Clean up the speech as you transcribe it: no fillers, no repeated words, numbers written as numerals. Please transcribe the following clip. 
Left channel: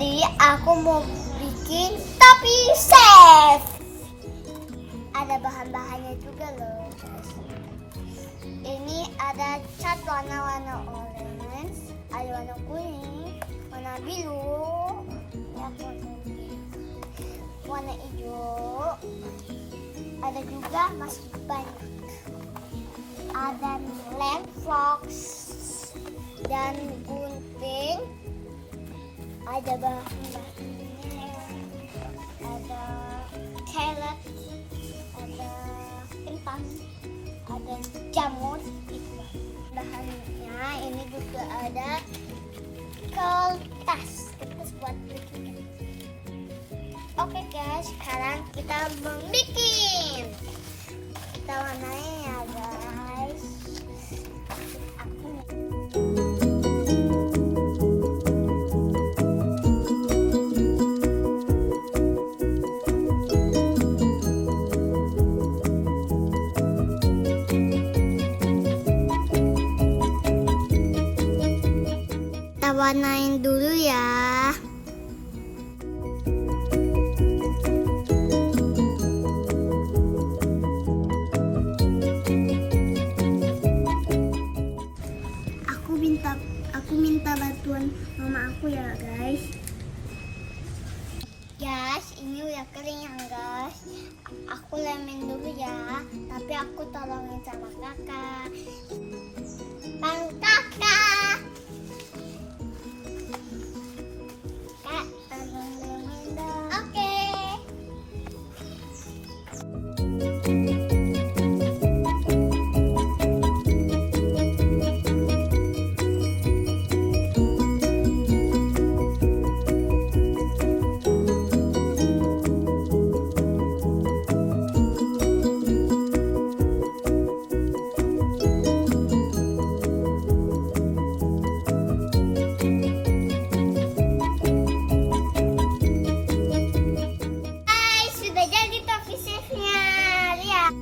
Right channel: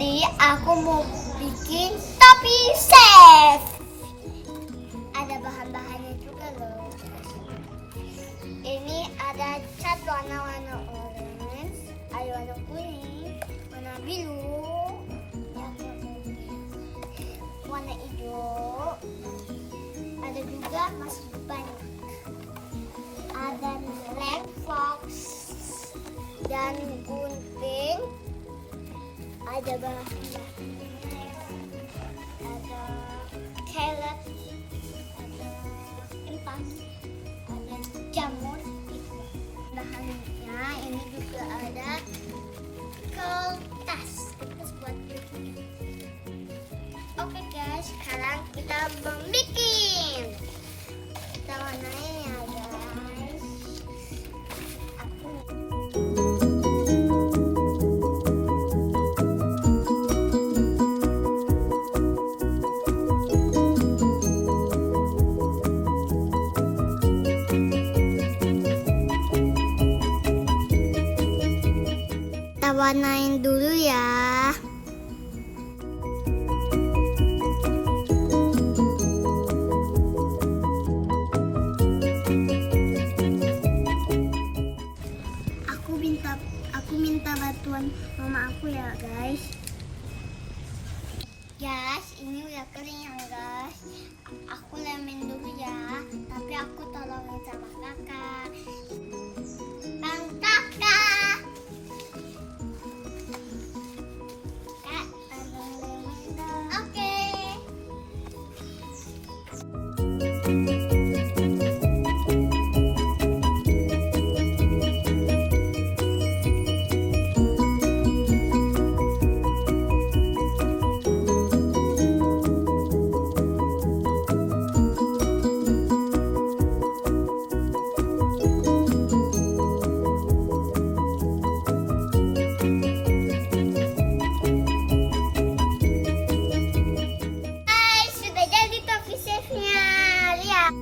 Jadi aku mau bikin topi chef. Ada bahan-bahannya juga loh. Ini ada cat warna-warna orange, ada warna kuning, warna biru, warna hijau. Ada juga masih banyak. Ada red fox dan gunting. Ada bahannya, ada carrot, ada kentang, ada jamur. Bahannya ini juga ada kertas buat bikin. Oke guys, sekarang kita membuat. Kita warnain ya guys. Kita warnain dulu ya. Aku minta bantuan mama aku ya guys. Guys, ini udah kering ya guys. Aku lemin dulu ya. Tapi aku tolongin sama kakak. Bang kakak. Kak, tolongin dong. Oke. Sudah jadi topi chefnya, lihat.